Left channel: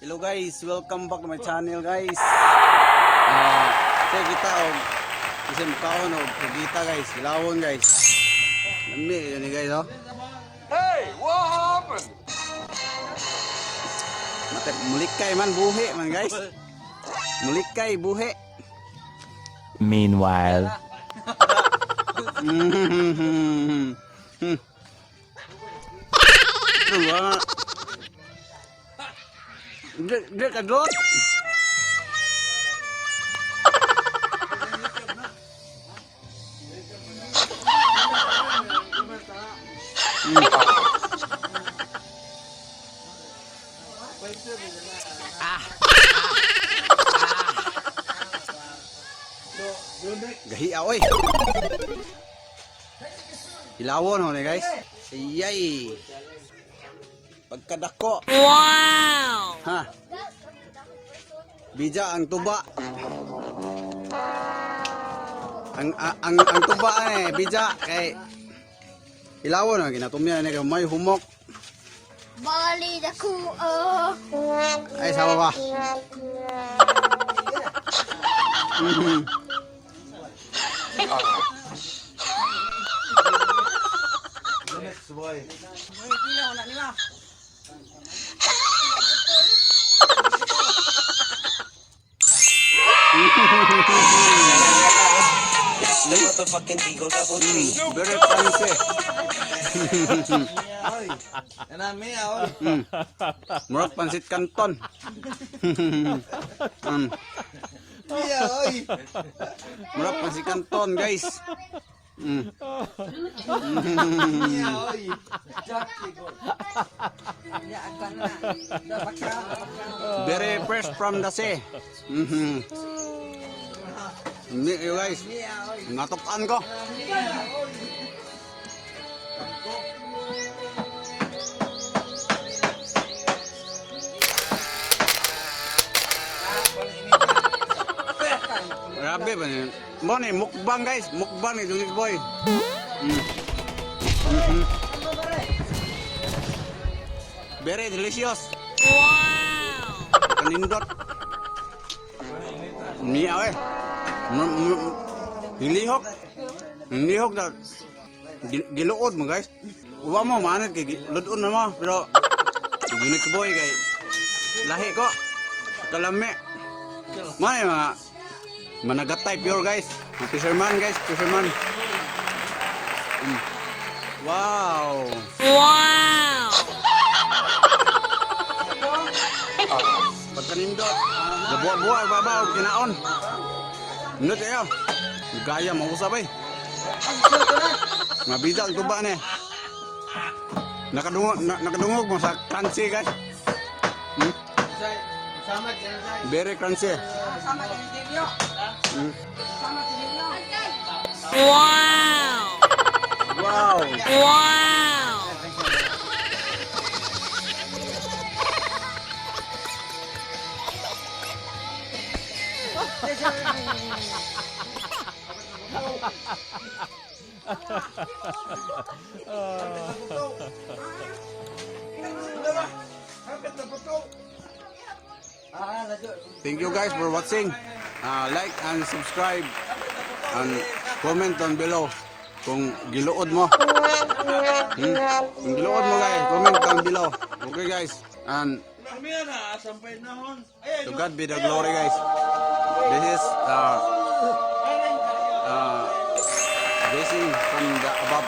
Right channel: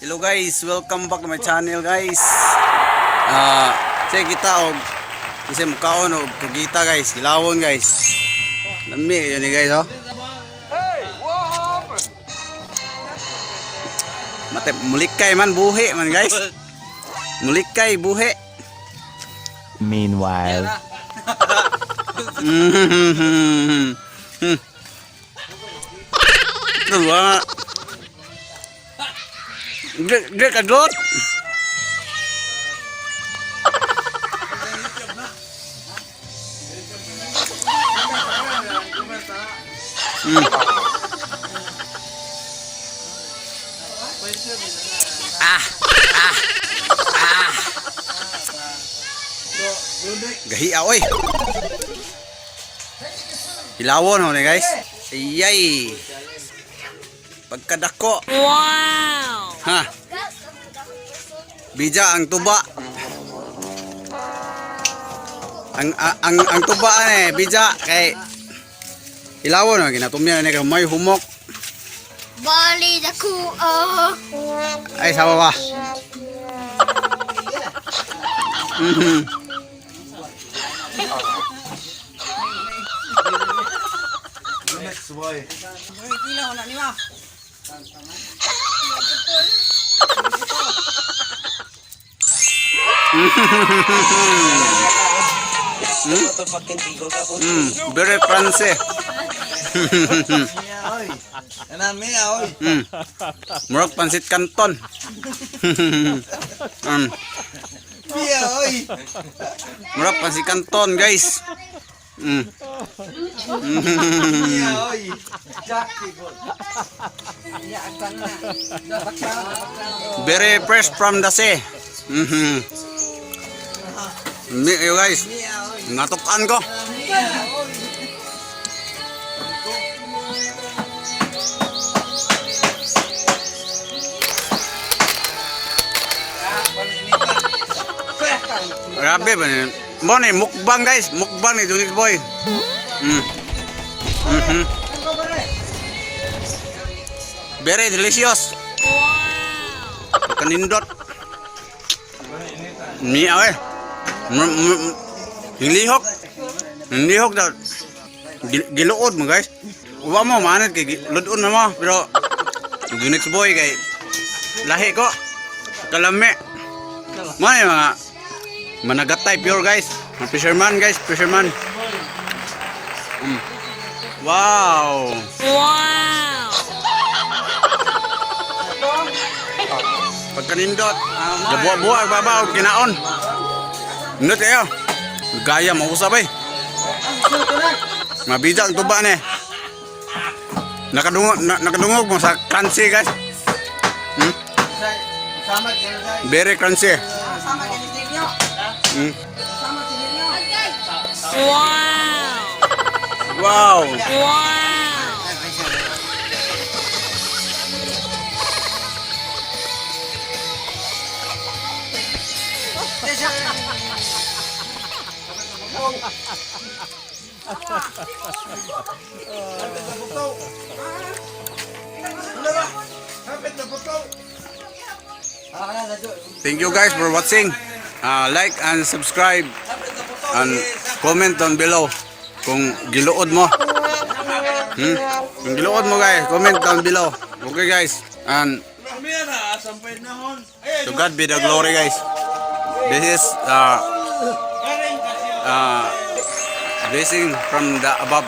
Hello guys, welcome back to my channel guys. Say kita og kasi mukhaon og kagita guys, hilawon guys. Lami yun guys oh. Hey, what happened? Mate mulikay man buhi man guys. Mulikay buhi. Meanwhile, Dua. Dia kadot. Gahi oy. Hilawon ho ni guys. Iyay. Pagkadako. Wow! Ha. Bija ang tuba. Ang tuba bija kay hilawon na ginatumya ni kay may humok. Bali dako. Ay sawa ba. JUNEXBOY. Very fancy. Murag pansit kanton. Murag pansit kanton guys. Very fresh from the sea. You guys, natukan ko. Grabe ba niyan? Mo ni mukbang guys, mukbang ni JUNEXBOY. Very delicious. Wow! Kanindot. Mi ay. Hilihok. Hilihok daw. Giluod mo guys. Uwa mo manit kay ludon na mo pero JUNEXBOY kay lahi ko. Kalame. May mga managatay pure guys. Fisherman guys, fisherman. Wow. Wow! Pagkanindot. Buwa-buwa babaw kinaon. Nindot kayo. Gaya mausap eh. Mabija ang tuba ni. Nakadungog mo sa crunchy guys. Very crunchy. Wow! Wow. Wow! Thank you guys for watching. Like and subscribe and comment down below kung giluod mo. Kung giluod mo guys, comment down below. Okay guys. And to God be the glory guys. This is blessing from the above.